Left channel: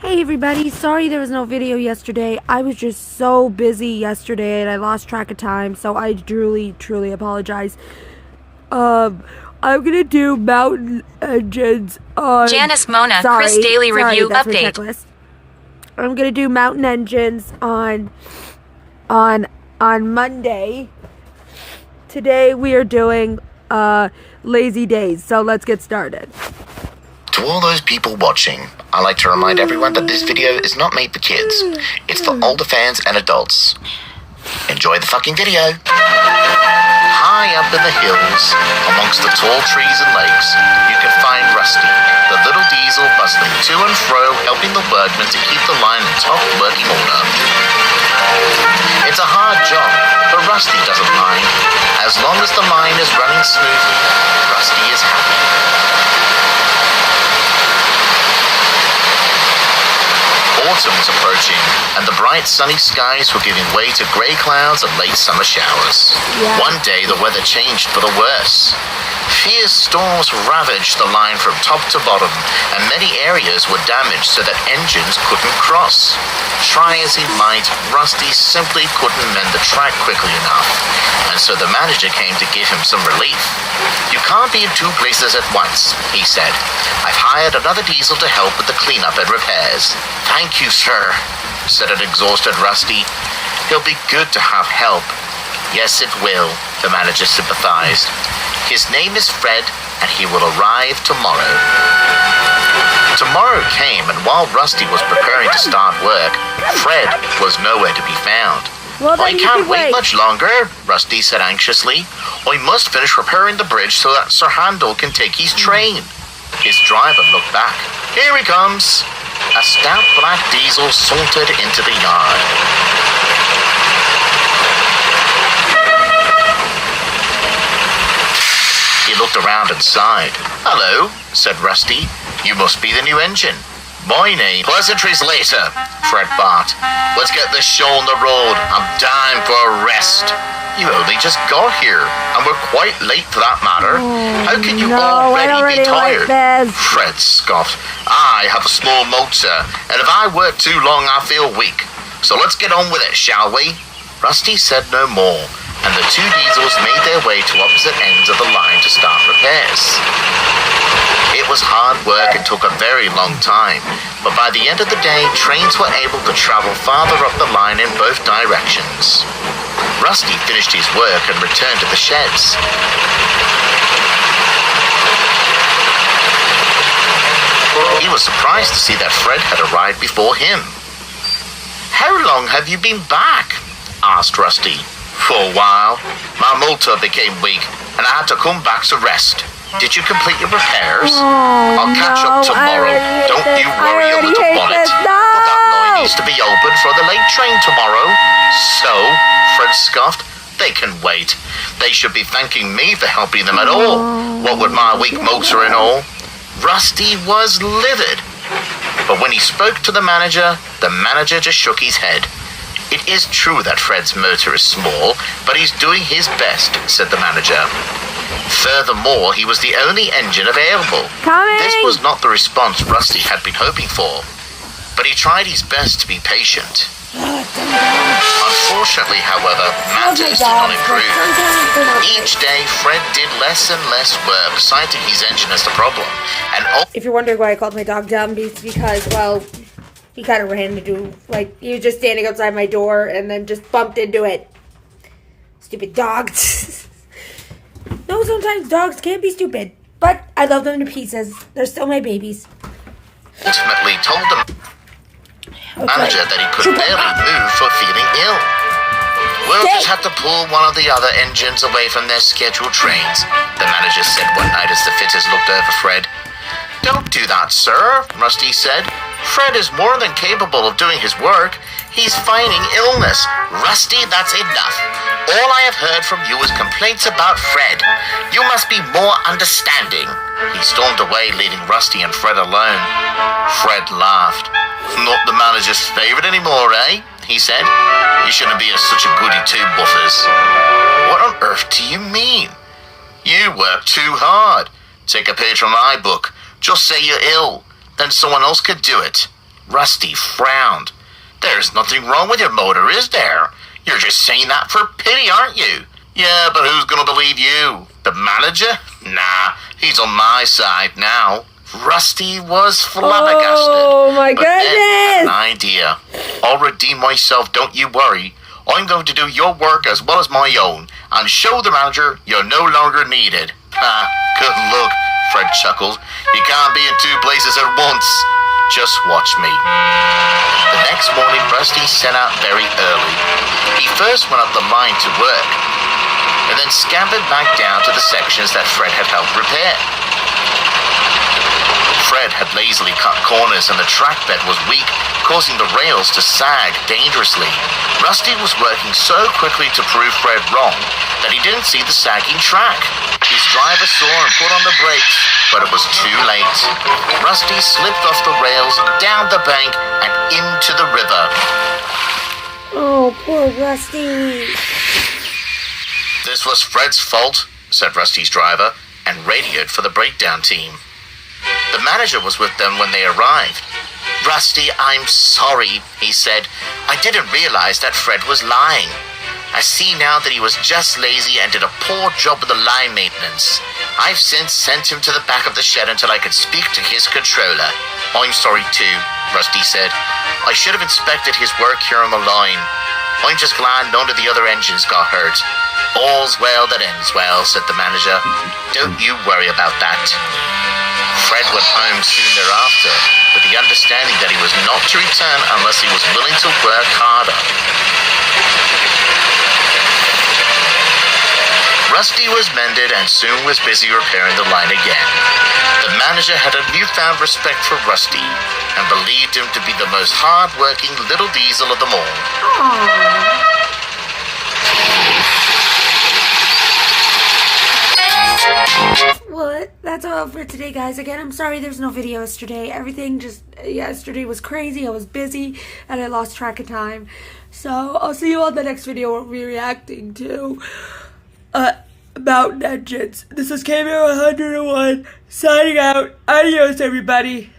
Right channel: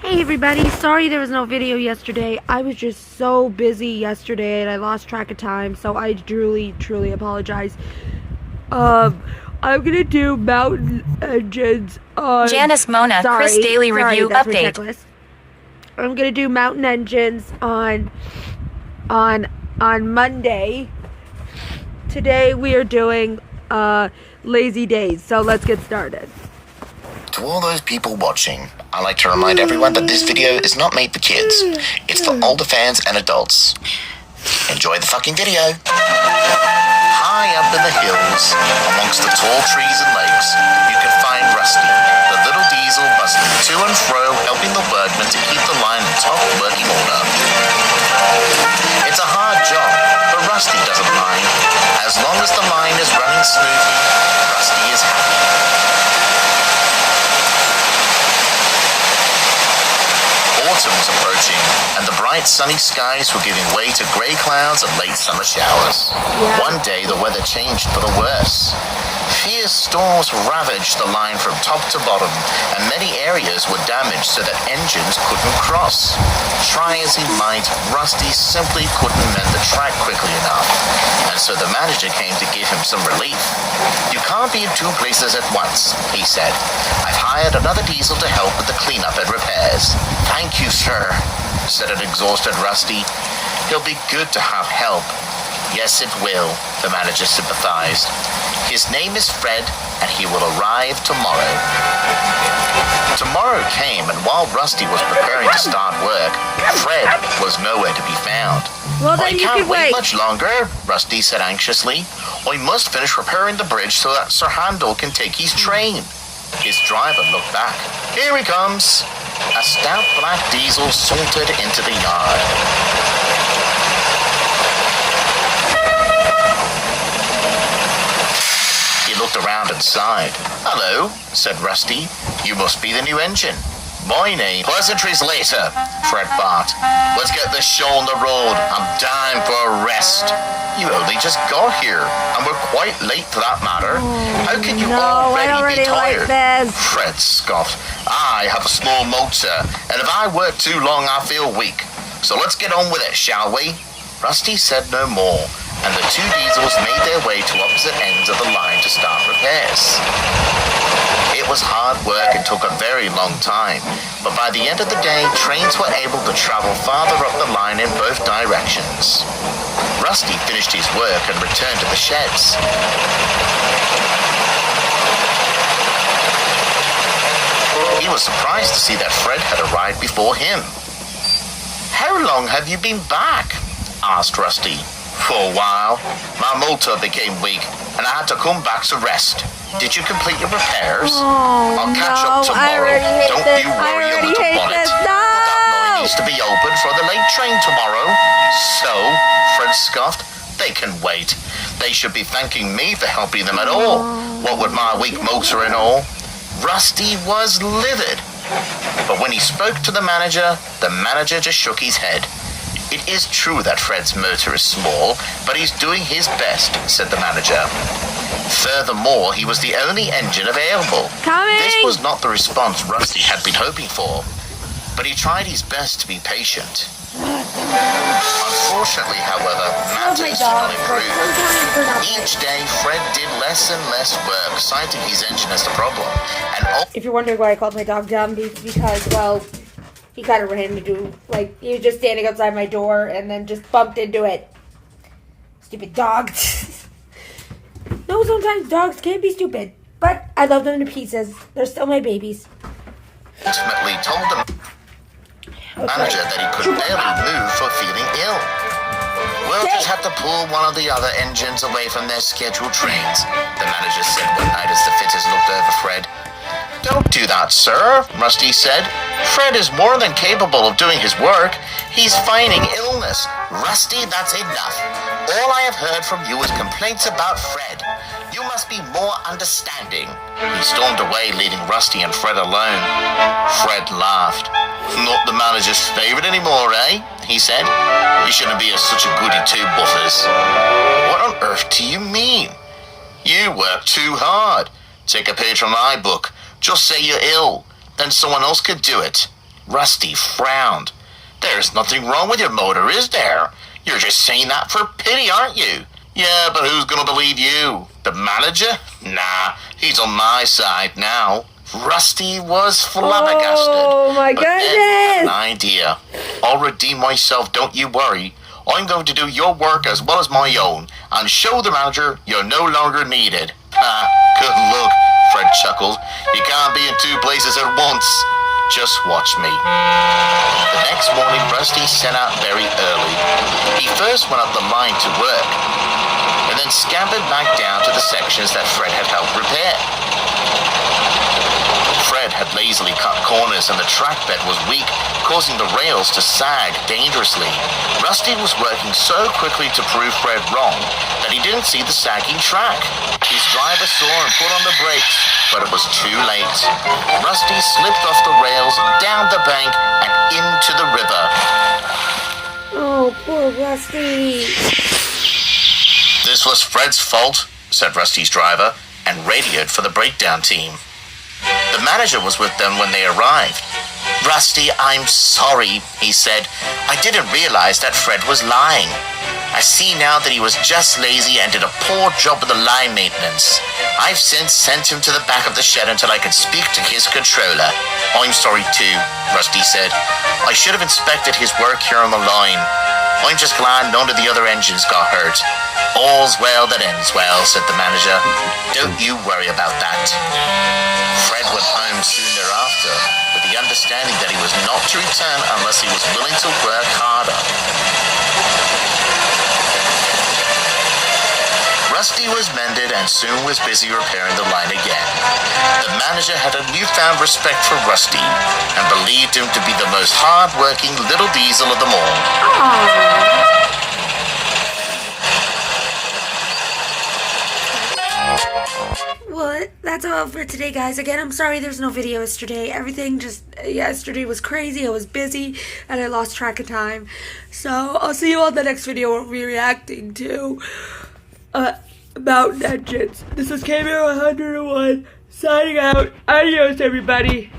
Hey everybody, sorry there was no video yesterday. I was just so busy yesterday and I lost track of time, so I truly apologize. I'm gonna do mountain engines on... Janice Mona, Chris Daily Review that's Update. My checklist. I'm gonna do mountain engines on Monday. Today we are doing lazy days, so let's get started. To all those people watching, I like to remind everyone that this video is not made for kids. It's for older fans and adults. Enjoy the fucking video. High up in the hills, amongst the tall trees and lakes, you can find Rusty, the little diesel bustling to and fro, helping the workmen to keep the line in top working order. It's a hard job, but Rusty doesn't mind. As long as the line is running smoothly, Rusty is happy. Autumn was approaching, and the bright sunny skies were giving way to grey clouds and late summer showers. Yeah. One day the weather changed for the worse. Fierce storms ravaged the line from top to bottom, and many areas were damaged so that engines couldn't cross. Try as he might, Rusty simply couldn't mend the track quickly enough, and so the manager came to give him some relief. "You can't be in two places at once," he said. "I've hired another diesel to help with the cleanup and repairs." "Thank you, sir," said an exhausted Rusty. "He'll be good to have help." "Yes, it will," the manager sympathized. "His name is Fred, and he will arrive tomorrow." Tomorrow came, and while Rusty was preparing to start work, Fred was nowhere to be found. Well, then "I you can't could wait wait much longer," Rusty said anxiously. "I must finish repairing the bridge so that Sir Handel can take his train." His driver looked back. "Here he comes." A stout black diesel sauntered into the yard. He looked around and sighed. "Hello," said Rusty. "You must be the new engine." "My name..." "Pleasantries later," Fred barked. "Let's get this show on the road. I'm dying for a rest." "You only just got here, and we're quite late for that matter. How can you already be tired?" this. Fred scoffed. "I have a slow motor, and if I work too long, I feel weak. So let's get on with it, shall we?" Rusty said no more, and the two diesels made their way to opposite ends of the line to start repairs. It was hard work and took a very long time, but by the end of the day, trains were able to travel farther up the line in both directions. Rusty finished his work and returned to the sheds. He was surprised to see that Fred had arrived before him. "How long have you been back?" asked Rusty. "For a while. My motor became weak, and I had to come back to rest." "Did you complete your repairs?" "I'll catch up tomorrow. Don't you worry your little bonnet. But that line needs to be open for the late train tomorrow." "So," Fred scoffed, "they can wait. They should be thanking me for helping them at all. What with my weak motor and all." Rusty was livid. But when he spoke to the manager just shook his head. "It is true that Fred's motor is small, but he's doing his best," said the manager. Furthermore, he was the only engine available. This was not the response Rusty had been hoping for, but he tried his best to be patient. Unfortunately, however, matters did not improve. Each day, Fred did less and less work, citing his engine as the problem. And If you're wondering why I called my dog dumb, it's because, well, he kind of ran into, like, he was just standing outside my door and then just bumped into it. Stupid dog. No, sometimes dogs can be stupid, but I love them to pieces. They're still my babies. ultimately told the manager that he could barely move for feeling ill. "We'll just have to pull one of the other engines away from their scheduled trains," the manager said one night as the fitters looked over Fred. "Don't do that, sir," Rusty said. "Fred is more than capable of doing his work. He's feigning illness." "Rusty, that's enough. All I have heard from you is complaints about Fred. You must be more understanding." He stormed away, leaving Rusty and Fred alone. Fred laughed. "Not the manager's favorite anymore, eh?" he said. "You shouldn't be such a goody two-buffers." "What on earth do you mean?" "You work too hard. Take a page from my book. Just say you're ill. Then someone else could do it." Rusty frowned. There's nothing wrong with your motor, is there? You're just saying that for pity, aren't you? Yeah, but who's gonna believe you? The manager? Nah, he's on my side now. Rusty was flabbergasted. Oh my But then goodness! an idea. I'll redeem myself, don't you worry. I'm going to do your work as well as my own, and show the manager you're no longer needed. Good luck, Fred chuckled. You can't be in two places at once. Just watch me. The next morning, Rusty set out very early. He first went up the line to work, and then scampered back down to the sections that Fred had helped repair. Fred had lazily cut corners and the track bed was weak, causing the rails to sag dangerously. Rusty was working so quickly to prove Fred wrong that he didn't see the sagging track. His driver saw and put on the brakes, but it was too late. Rusty slipped off the rails, down the bank, and into the river. Oh, poor Rusty. This was Fred's fault, said Rusty's driver, and radioed for the breakdown team. The manager was with them when they arrived. Rusty, I'm sorry, he said. I didn't realize that Fred was lying. I see now that he was just lazy and did a poor job with the line maintenance. I've since sent him to the back of the shed until I could speak to his controller. I'm sorry too, Rusty said. I should have inspected his work here on the line. I'm just glad none of the other engines got hurt. All's well that ends well, said the manager. Don't you worry about that. Fred went home soon thereafter, with the understanding that he was not to return unless he was willing to work harder. Rusty was mended and soon was busy repairing the line again. The manager had a newfound respect for Rusty and believed him to be the most hard-working little diesel of them all. Aww. Well, that's all for today, guys. Again, I'm sorry there's no video yesterday. Everything yesterday was crazy. I was busy and I lost track of time. So I'll see you on the next video where we'll be reacting to Mountain Engines. This is KMR 101 signing out. Adios, everybody.